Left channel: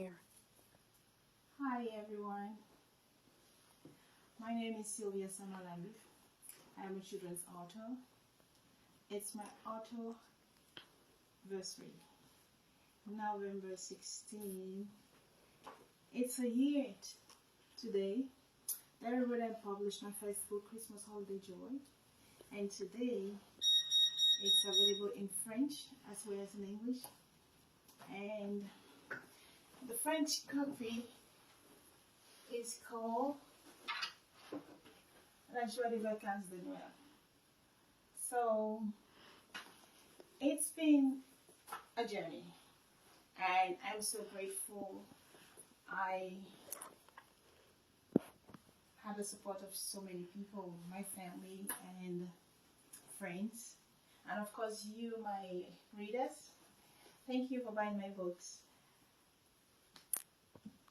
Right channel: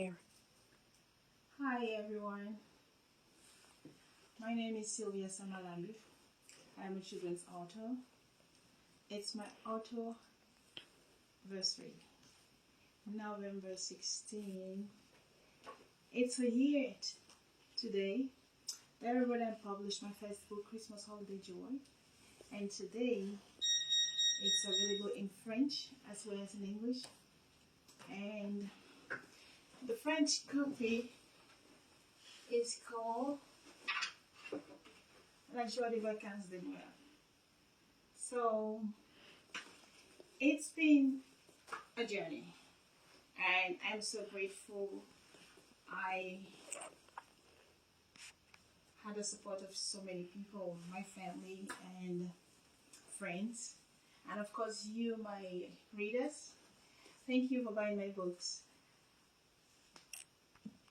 Hi everyone, my name is Silvia Sama-Lambiv. I'm a children's author. It's my author anniversary, November 16. It's a year today that I published my first book, Christmas Holiday Joy, and today it's available in French as well as in English. And the French copy is called La Joie des Vacances de Noël. So it's been a journey, and I'm so grateful I had the support of so many people, my family and friends, and of course you, my readers. Thank you for buying my books.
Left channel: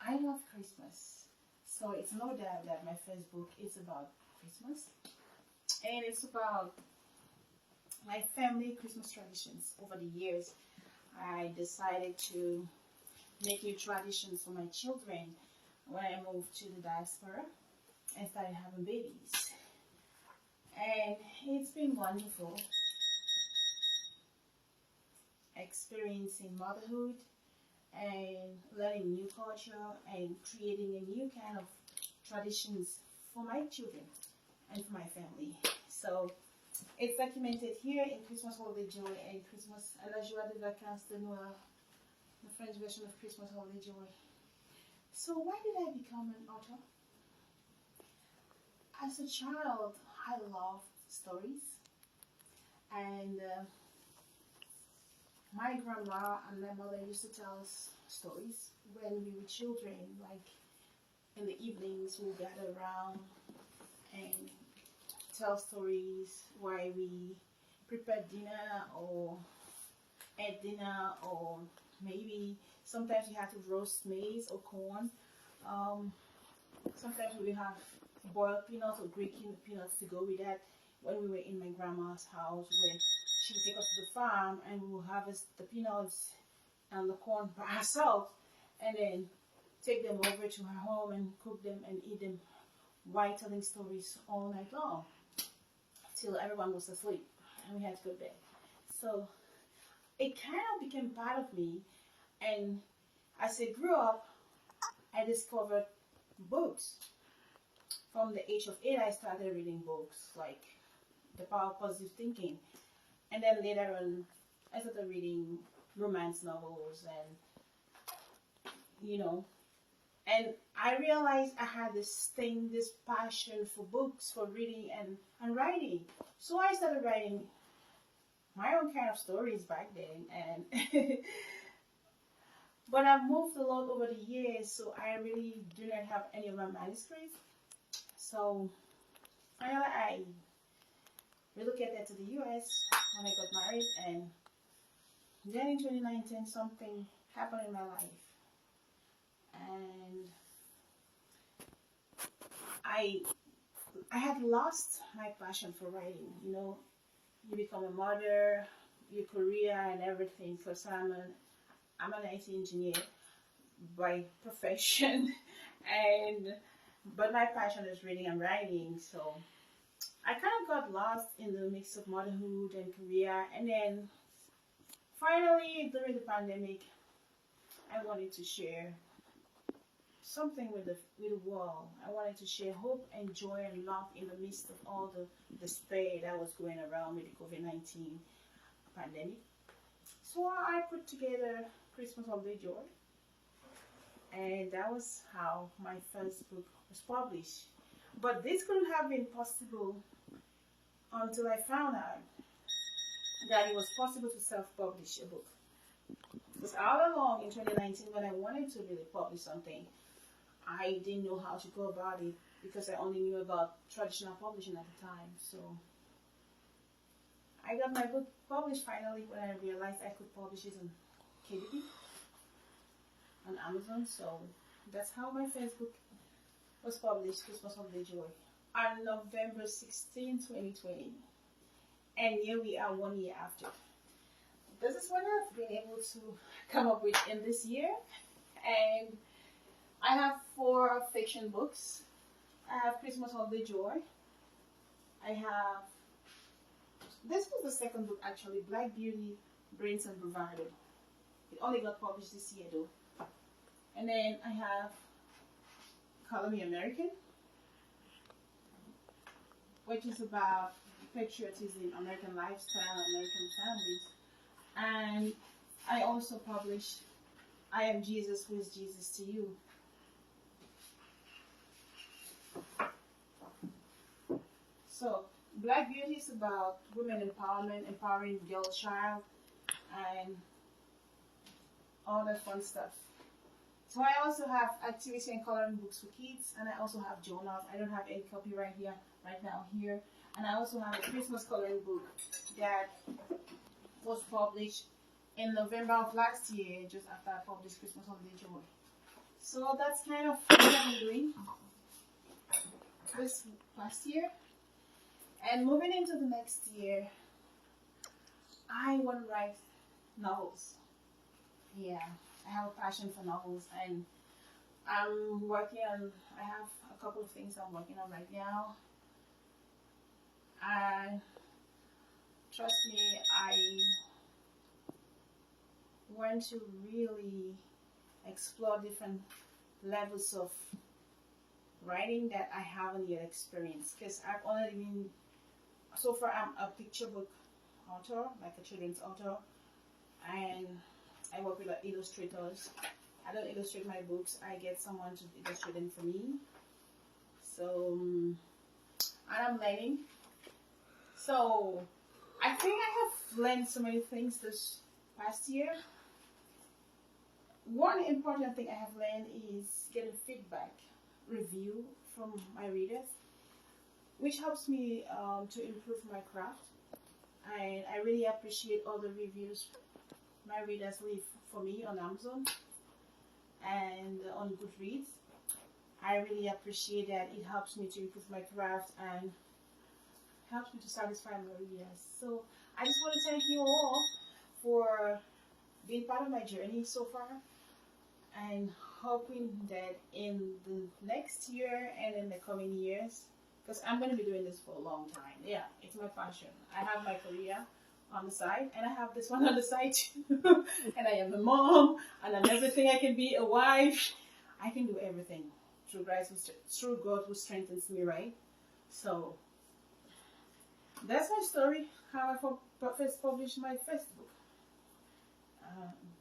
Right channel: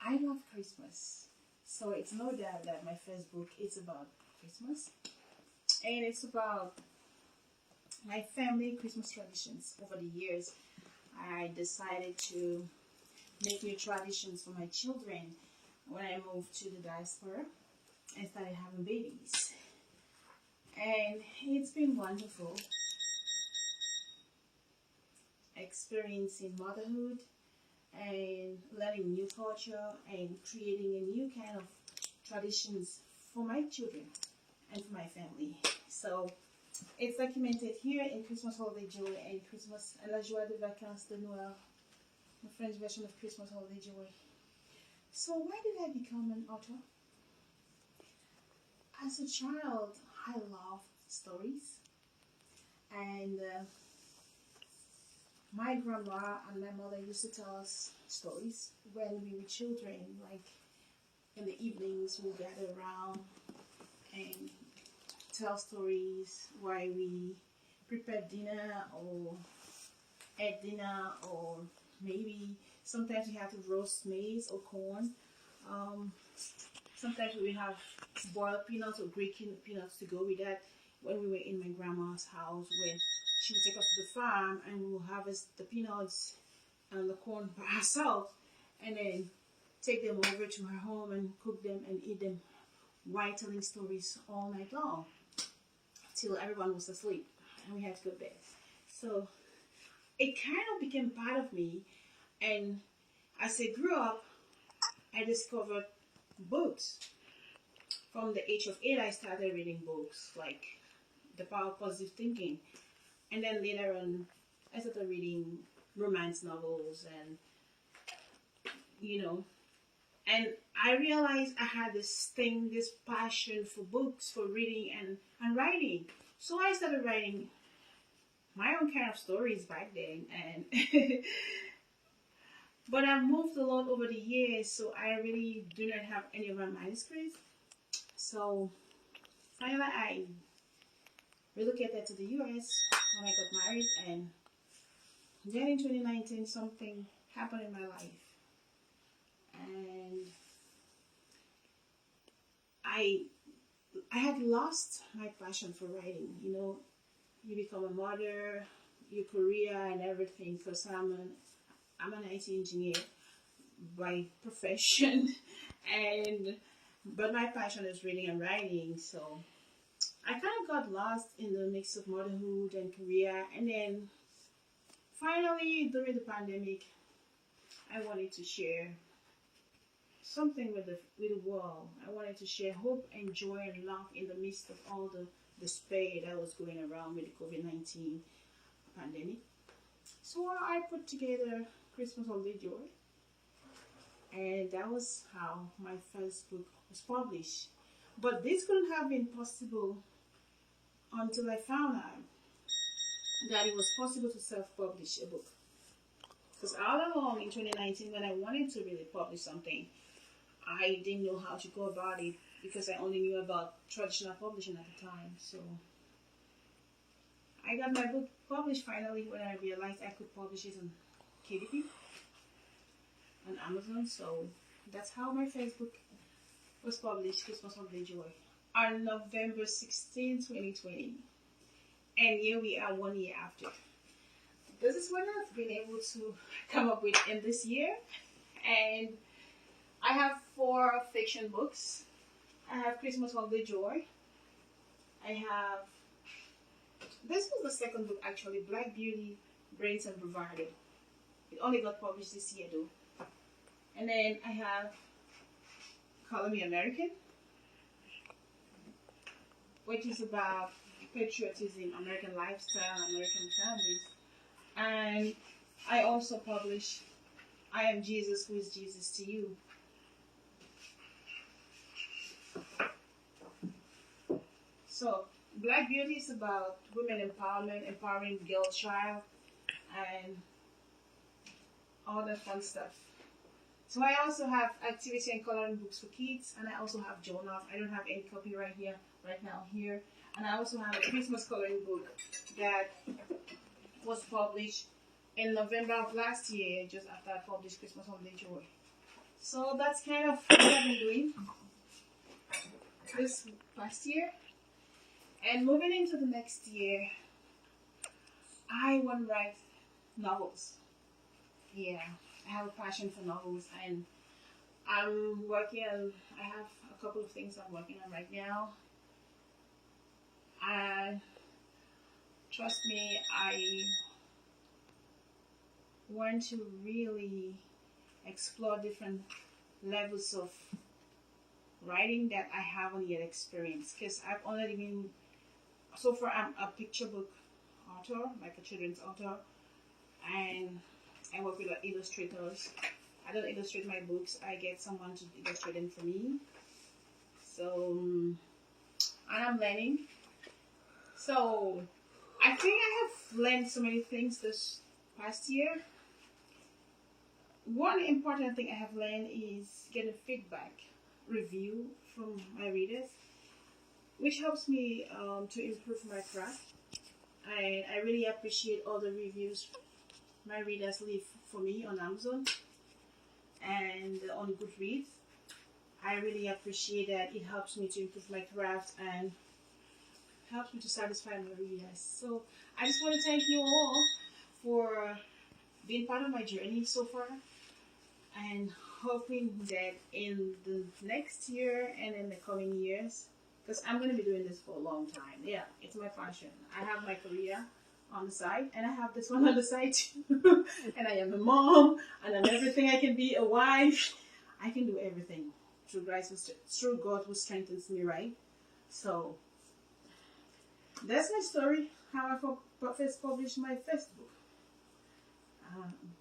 I love Christmas, so it's no doubt that my first book is about Christmas, and it's about my family Christmas traditions. Over the years, I decided to make new traditions for my children when I moved to the diaspora and started having babies. And it's been wonderful experiencing motherhood and learning new culture and creating a new kind of traditions for my children and for my family. So it's documented here in Christmas Holiday Joy and Christmas La Joie des Vacances de Noël, the French version of Christmas Holiday Joy. So why did I become an author? As a child, I loved stories, and my grandma and my mother used to tell us stories when we were children, like in the evenings we'll gather around and tell stories while we prepare dinner or ate dinner, or maybe sometimes we have to roast maize or corn. Sometimes we have boiled peanuts or grated peanuts to go with that when we were in my grandma's house, when she would take us to the farm and we will harvest the peanuts and the corn by ourselves and then take them over to her home and cook them and eat them while telling stories all night long till everyone was asleep and we had to go to bed. So it kind of became part of me, and as I grew up, I discovered books. From the age of 8, I started reading books like The Power of Positive Thinking, and then later on, I started reading romance novels, and and I realized I had this thing, this passion for books, for reading and writing. So I started writing my own kind of stories back then, and but I've moved a lot over the years, so I really do not have any of my manuscripts. So finally, I relocated to the US when I got married, and then in 2019, something happened in my life, and I had lost my passion for writing. You become a mother, your career and everything. Because I'm an IT engineer by profession, and but my passion is reading and writing. So I kind of got lost in the mix of motherhood and career, and then finally during the pandemic, I wanted to share something with the world. I wanted to share hope and joy and love in the midst of all the despair that was going around with the COVID-19 pandemic. So I put together Christmas Holiday Joy, and that was how my first book was published. But this couldn't have been possible until I found out that it was possible to self-publish a book. Because all along in 2019, when I wanted to really publish something, I didn't know how to go about it because I only knew about traditional publishing at the time. So I got my book published finally when I realized I could publish it on KDP, on Amazon. So that's how my first book was published, Christmas Holiday Joy, on November 16, 2020. And here we are 1 year after. This is what I've been able to come up with in this year. And I have 4 fiction books. I have Christmas Holiday Joy. I have, this was the second book actually, Black Beauty, Brains and Bravado. It only got published this year though. And then I have Color Me American, which is about patriotism, American lifestyle, American families. And I also publish I Am Jesus, Who is Jesus to You. So, Black Beauty is about women empowerment, empowering girl child, and all that fun stuff. So I also have activity and coloring books for kids, and I also have journals. I don't have any copy right now here. And I also have a Christmas coloring book that was published in November of last year, just after I published Christmas Holiday Joy. So that's kind of what I've been doing this last year. And moving into the next year, I want to write novels. Yeah, I have a passion for novels, and I'm working on, I have a couple of things I'm working on right now. And trust me, I want to really explore different levels of writing that I haven't yet experienced, because I've already been, so far I'm a picture book author, like a children's author, and I work with illustrators. I don't illustrate my books, I get someone to illustrate them for me. So, and I'm learning. So, I think I have learned so many things this past year. One important thing I have learned is getting feedback, review from my readers, which helps me to improve my craft. I really appreciate all the reviews my readers leave for me on Amazon and on Goodreads. I really appreciate that. It helps me to improve my craft and helps me to satisfy my readers. So I just want to thank you all for being part of my journey so far, and hoping that in the next year and in the coming years, because I'm going to be doing this for a long time. Yeah, it's my passion. I have my career on the side, and I have this one on the side too. And I am a mom, and I'm everything I can be, a wife. I can do everything through God who strengthens me, right? So that's my story, how I first published my first book.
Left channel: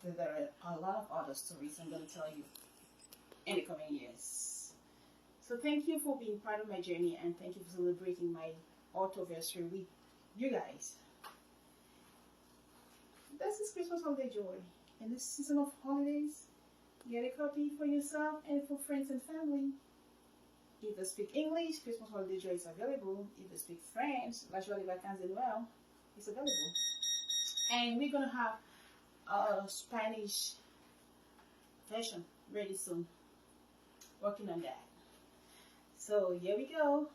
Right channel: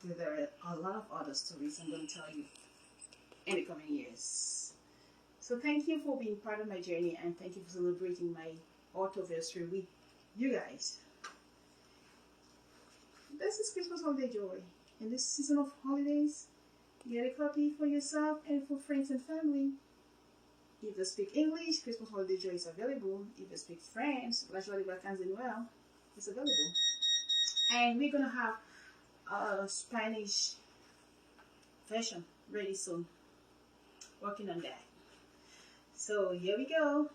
There are a lot of other stories I'm going to tell you in the coming years. So thank you for being part of my journey, and thank you for celebrating my authorversary with you guys. This is Christmas Holiday Joy. In this season of holidays, get a copy for yourself and for friends and family. If they speak English, Christmas Holiday Joy is available. If they speak French, La Jolie Vacances de Noël is available. And we're going to have a Spanish version ready soon. Working on that. So here we go.